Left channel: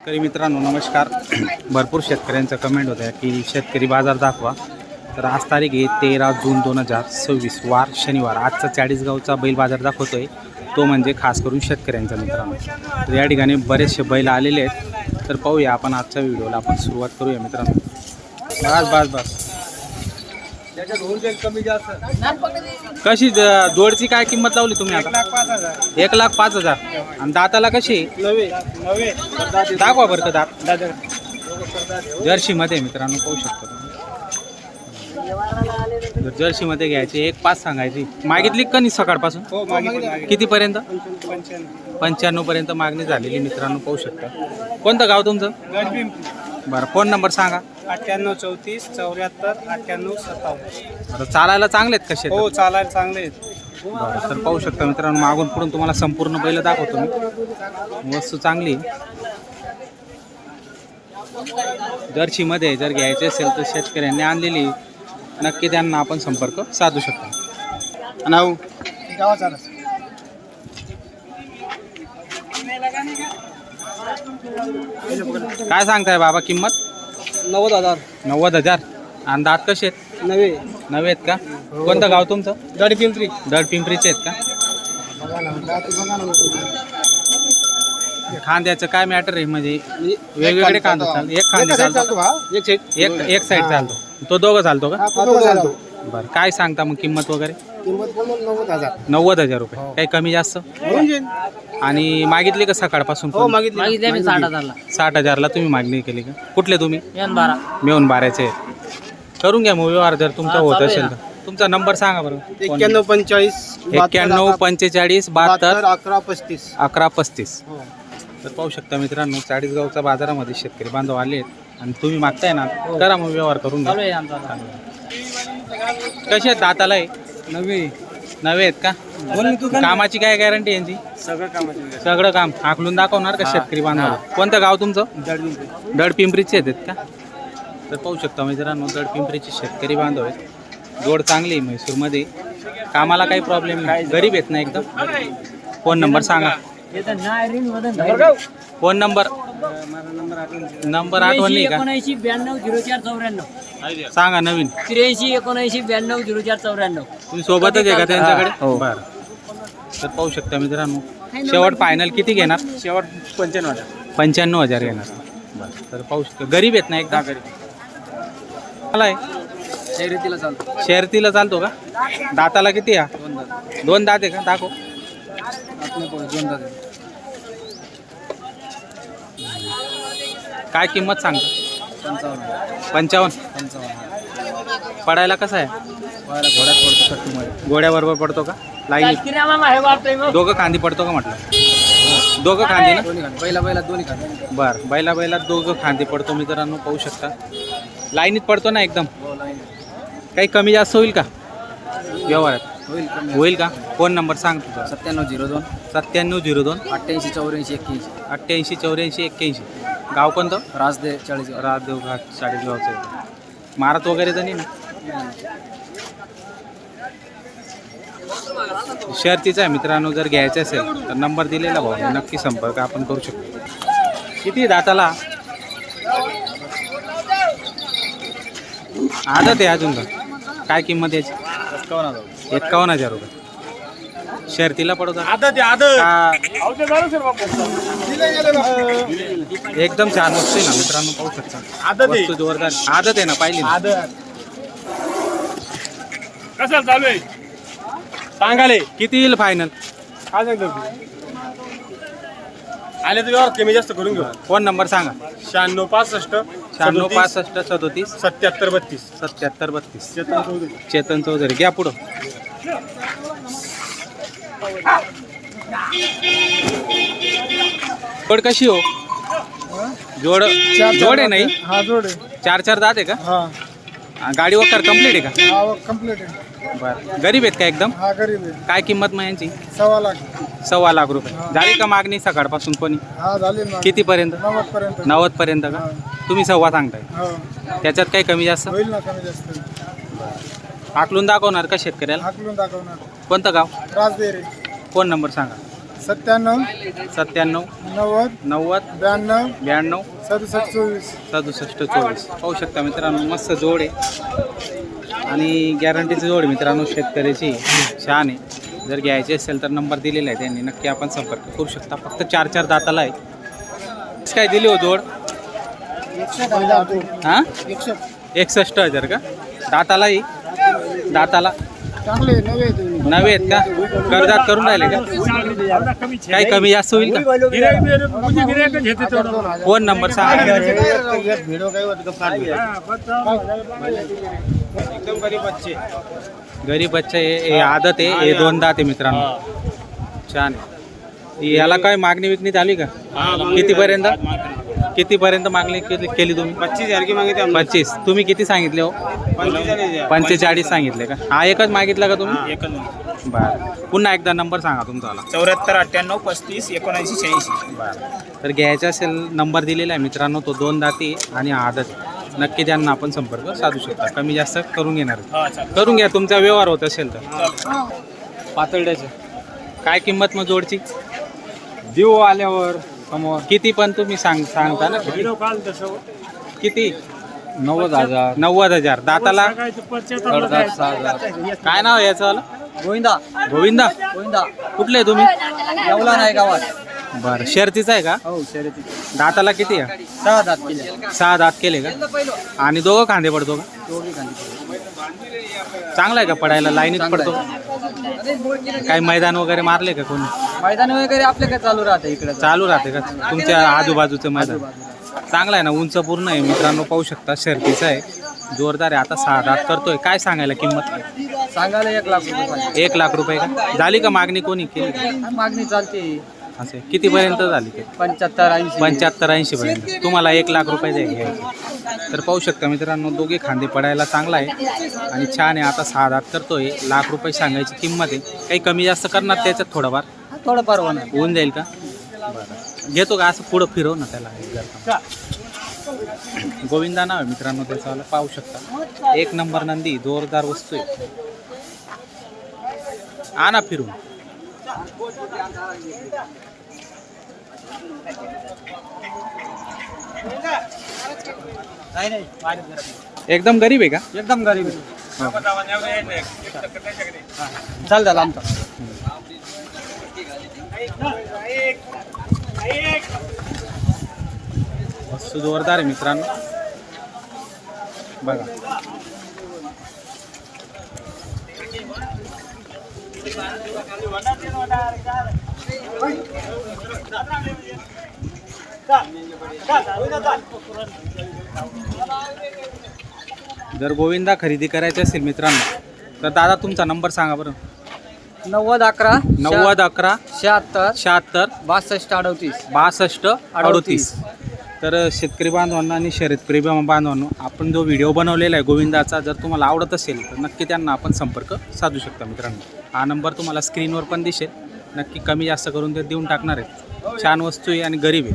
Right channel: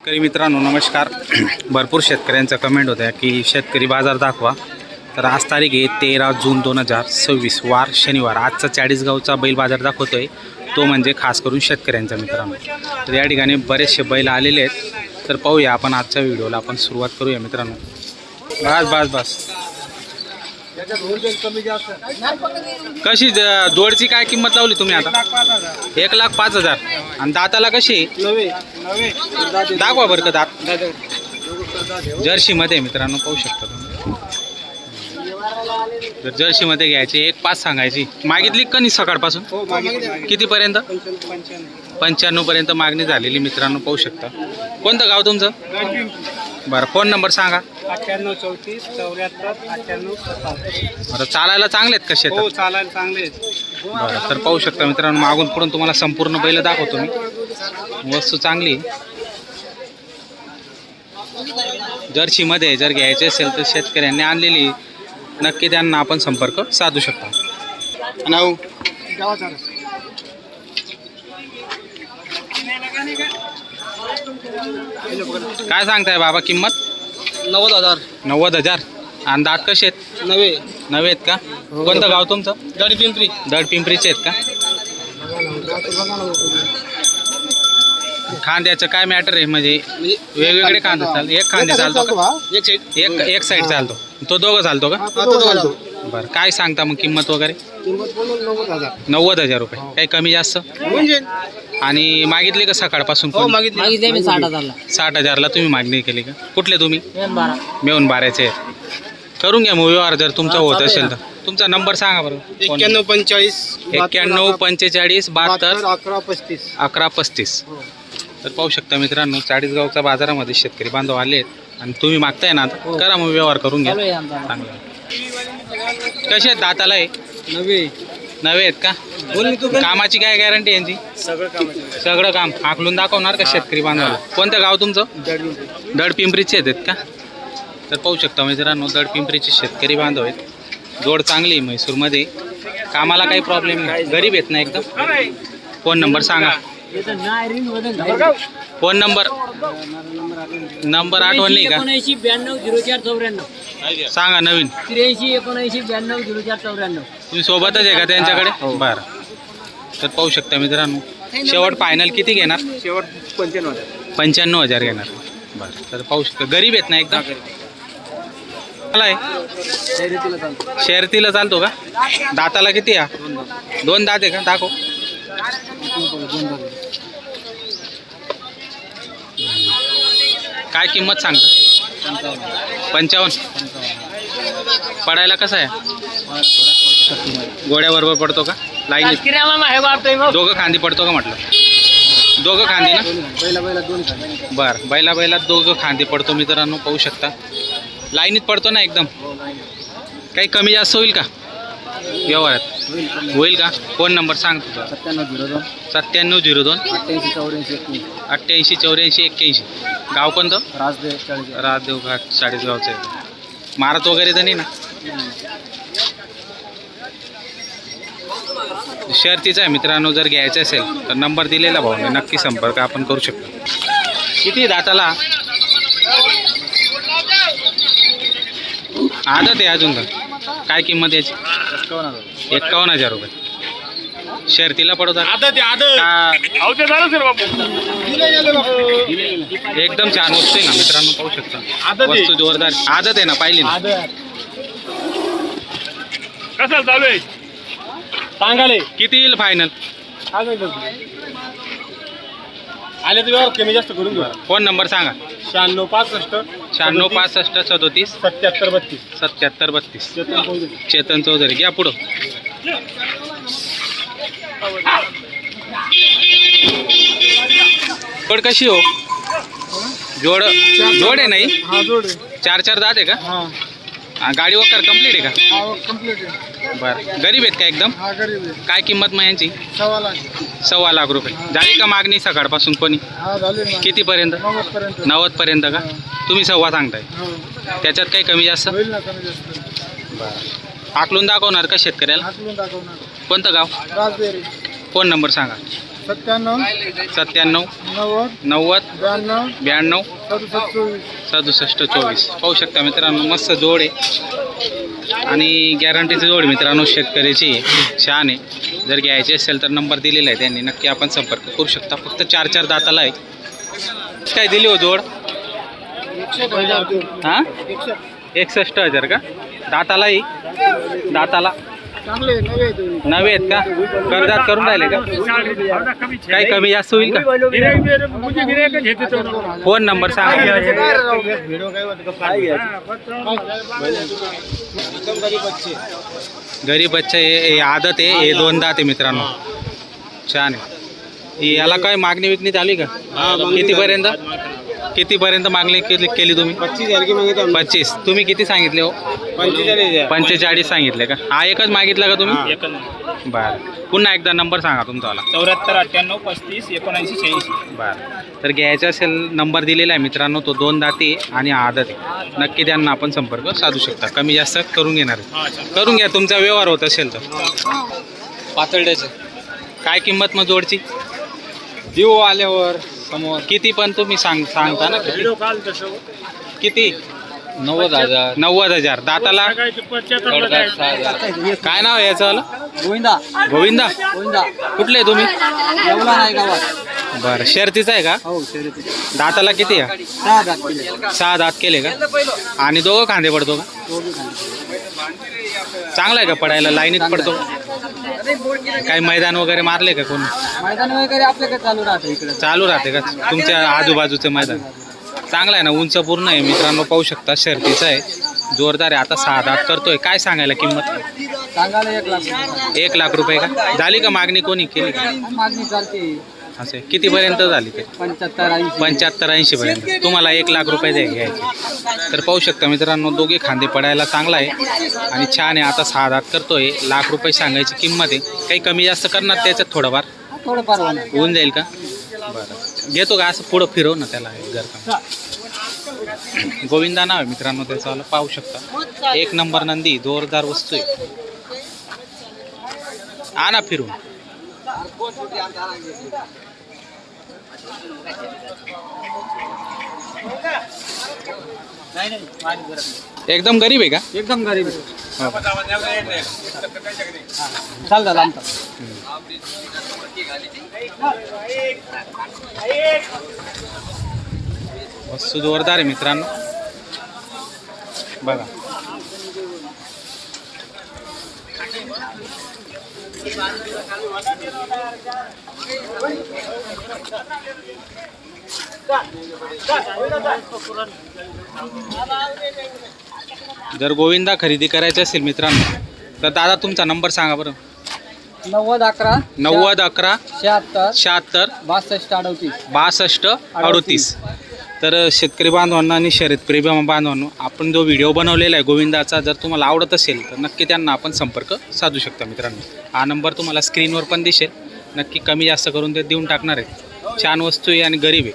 शेतकरी मित्रांनो नमस्कार. भरपूर शेतकऱ्यांचा कमेंट होत्या की शेतकरी बाजार दाखवा. तर आज तारीख आहे 13 जून 2026 वार शनिवार. आजचा चाळीसगावचा बैल बाजार दाखवतोय, तो म्हणजे खास करून शेतकऱ्यांचा मित्रांनो. तर या ठिकाणी बरेचसे बैल आलेले आहेत. तर पाहूया आपण आजच्या व्हिडिओला आपण सुरुवात करूया मित्रांनो. बस बस बस कशी जोडची काय किंमत लावली तुम्ही आता? 1,05,000. आणि दाताला कशी दाखवा बरं का दात. जर्सीमध्ये मित्रांनो पाहू शकता तुम्ही. जर जर्सीमध्ये घ्यायची 1,05,000 सांगायची. मागितली का नाही सकाळपासून? कितीपर्यंत? 95 पर्यंत मागणी झालेली मित्रांनो पाहू शकता. कोणतं गाव तुमचं? बरं फोन नंबर सांगा. 98 34 74 98 57. बरं चालायला चांगले आहेत कसे? हो चालायला चांगले आहेत. बरं तर पाहू शकता मित्रांनो, मागून पुढून तुम्हाला संपूर्ण बैल दाखवतो मी. वस्तू चांगली जर्सीमध्ये जर घ्यायचे असेल तर शेतकऱ्यांनी आणलेली नक्की त्यांना आपण संपर्क साधू शकता. नाव गावाचा काय सांगताय बाबा किंमत? 90,000. 90,000. आणि दात कसे आहेत? नवे आहेत का? कोणतं गाव तुमचं? गाडी पिंपरी. दड पिंपरीचे आहेत का? खांद्याचं काय मॅटर आहे? म्हणजे वेगवेगळे खांदे चालतो? एक खांदे चालतो का? एक साईड चालतो. तो दोघं चालतो का? बरं काय सांगता मग किंमत वगैरे? 90,000 रुपये. काही कमी जास्त? आणि मागितली का सकाळपासून? 60,000ला तुम्ही मागणी केली का? कुठले तुम्ही? मेहून बारायचे. करून घ्या मग व्यवहार जर तुमचा होत असेल तर. तुमचा नंबर सांगा बरं. 91 45 91 45 72 11 35. 11 35. तर पाहू शकता मित्रांनो, चाळीसगावच्या बाजारामध्ये शेतकरी बांधव आले आहेत आणि तुम्ही मागताय ना, करा मग व्यवहार करून घ्या. चांगलं. कसे आहेत दाताला? आहे नवे आहेत का? कामाची काय गॅरंटी यांची? सगळं काम आखलून दाखवणार का शेतकरी बांधवाला? कोणतं गाव तुमचं? दड पिंपरीचे आहेत का? तर पाहू शकता मित्रांनो, दड पिंपरीचे शेतकरी बांधव आहेत. जोड चांगली आहे म्हैसूरमध्ये. कामाला काही प्रॉब्लेम नाही. गरीब आहेत ना एकदम. फोन नंबर सांगा. फोन नंबर आठवण नाही का? 79 92 04 94. सांगा नवीन. 83 79 92 04 94. तुम्ही सोबतच आहे का त्यांच्याकडे? बरं. तर पाहू शकता मित्रांनो, शेवट फायनल किती घेणार? शेवट 95. 95,000 घेणार. बरं तर पाहू शकता गरीब आहेत ना एकदम. मला आहे शर्यतीला चालतो. शर्यतीला चालतो का? दाताला किती या? 2 दात आहे का? दाखव. काय किंमत सांगता? 55. पडायला कसा आहे? घोड्याबरोबर पडतो का? लाईन दोघं खांदी पडतो का म्हटलं? दोघं खांदी ना? बैला दोन्ही खाली. बरं बैला दोघं खांदी पडतो मित्रांनो पाहू शकता. लाईनीत पडतो ना एकदम. काही कमी जास्त होईल का व्यवहारात? होईल का? फोन नंबर सांग तुझा. 9702 9702 88 84 81. 88 84 81. गाव कोणतं? राजदेव 40. राजदेव घाट चाळीसगावचं आहे. मारत वगैरे तर नाही ना? शर्तीचा आहे मित्रांनो. जर घ्यायचं असेल तर नंबर दिलेला भाऊने नक्की संपर्क आपण करू शकतो. किती दाताला? आदत आहे अजून तर. काय किंमत याची? 51,000 रुपये. शर्तीला पडवतात का? एकदम छान वस्तू आहे ना मित्रांनो पाहू शकता. वस्तू जोरदार. आदत आहे ना? पाहिली ना? कसं चालू आहे सांगाले? किती येईल फायनल? आले तर व्यवहार कमी जास्त करून घेऊ. फोन नंबर सांगा. 96 65 96 65 37 77 32. 77 32. चेतन चौधरी. चेतन चौधरी. घ्या पुढं. जोड कशी हो? जोड आहे नाही? हा जोड. 4 दात आहे का? हा गाडी वकर कंप्लीट आहे का? हा कंप्लीट आहे. बरं गरीब आहेत का एकदम? हा गरीब आहे. काय किंमत मग यांची? 1.25 लाख. 1.25 लाख रुपये. झाली का मागणी सकाळपासून कोणी? हा झाली ना. कितीपर्यंत? 90 पर्यंत. 90 पर्यंत का? तुम्ही 1.25 सांगताय. हो त्याच्यात काही कमी जास्त? होईल ना कमी जास्त. बरं आकलून दाखवणार का शेतकऱ्याला? हाकलून दाखवणार. कोणतं गाव? राजदेव. फोन नंबर सांगा. 97 97 90 90 92 92 67 24. 67 24. पाहू शकता मित्रांनो, मस्त जोड आहे आणि गॅरंटीची जोड आहे मित्रांनो, शेतकऱ्याची छान आहे. जर घ्यायची असेल तर नंबर दिलेला आहे त्यांनी, नक्की आपण संपर्क करू शकता. फक्त 4 दाताला आहे. काय दिली हो जोड? हां 61,000 का? दातालाही दाताला चांगले नवे नवे आहेत का? कर्जात करून राहिले का? काही कमी जास्त होईल का? फोन नंबर सांगा. गरीब बच्चा हे आदत आहे, हे 2 दात आहे मित्रांनो, छान आहे. याला काय मागणी विकणी आली का? कितीपर्यंत मागणी केली तुम्ही? 25,000 की मागितले 25. तुम्ही किती सांगितले हो? 45 सांगितले का? हा एकच मागितला का तुम्ही? बरं. पुन्हा एकदा नंबर सांगा तुमचावाला. 74 98 35 79 86. बरं. तर घ्यायचा असेल नंबर दिलेला आहे मित्रांनो, तो 2 दाती आणि आदत आहे. नक्की त्यांना आपण संपर्क साधू शकता. कमी जास्त करून घेणार आहे. करून घ्या, तुमचा व्यवहार होत असेल तर. पातळड्याचे काय किंमत मग जोडची? देऊ आल्यावर समोर किती पण तुम्ही सांगता ना? किती? 90,000 90,000. दाताला 6,000. काय नाव आहे याचं? गोविंदा गोविंदा. गोविंदा कुठले तुम्ही? येवला नाही गावात. बरं. शर्तीचा आहे का? हो शर्यती. दाताला किती आहे? 6 दात किलो. 6 दात केले का? आणि दोघं खांदे पडतो का? चांगला आहे का पडायला? लाईनीत पडतो? काही मैदान वगैरे मारले का कोणी? मैदान वगैरे आपल्या काय चालू राहते इकडे. चालू राहते का तुमच्या आजूबाजूचं मैदान? चांगला आहे ना, उंच पूर्ण आहे मित्रांनो, पाहू शकता. शर्तीचा आहे, जोरदार आहे. आता 6 दात करतोय. काय सांगायला किंमत? सांगायला 1 लाख रुपये. 1 लाख रुपये का? झाली का मागणी? कोणी केली का? मागणी चालते असे कितीपर्यंत झाली ते? 75 75-80 पर्यंत. तुम्हाला 1 लाख रुपये घ्यायचे. तर पाहू शकता मित्रांनो, दोघे खांदे पडायला चांगला आहे आणि छान आहे. आता 6 दात करतोय. लाख रुपये सांगायची किंमत आहे. काही कमी जास्त करणार त्याच्यात थोडंफार? थोडंफार होणार. होऊन जाईल का? बरं. घेतो का असं पुढं फिरव ना त्याला घर. गोविंदा नाव आहे मित्रांनो त्याचं, पाहू शकता. 1 नंबर नंदी, जोरदार वस्तू आहे. आणा फिरून. एकदम गरीब आहे का? एकदम गरीब आहे. हो. चाल झाला आमचा. वस्तू जोरदार आहे मित्रांनो, बघा. जर गोविंदा खरेदी करायची असेल मित्रांनो तर दादा तुमचा नंबर सांगा बरं. 90 11 90 11 76 76 62 38. 62 38. तर शेतकरी बांधवांना आणि शर्यतप्रेमी बांधवांनो, आपण जो व्हिडिओ बनवलेला आहे गोविंदाचा, जर तुम्हाला आवडत असेल तर नक्की त्यांना आपण संपर्क साधू शकता मित्रांनो. हा नंबर तुम्हाला स्क्रीनवर पण दिसेल. नक्की कमी जास्त करून ते देऊन टाकणार आहेत. छान वस्तू आहे आणि गरीब आहे.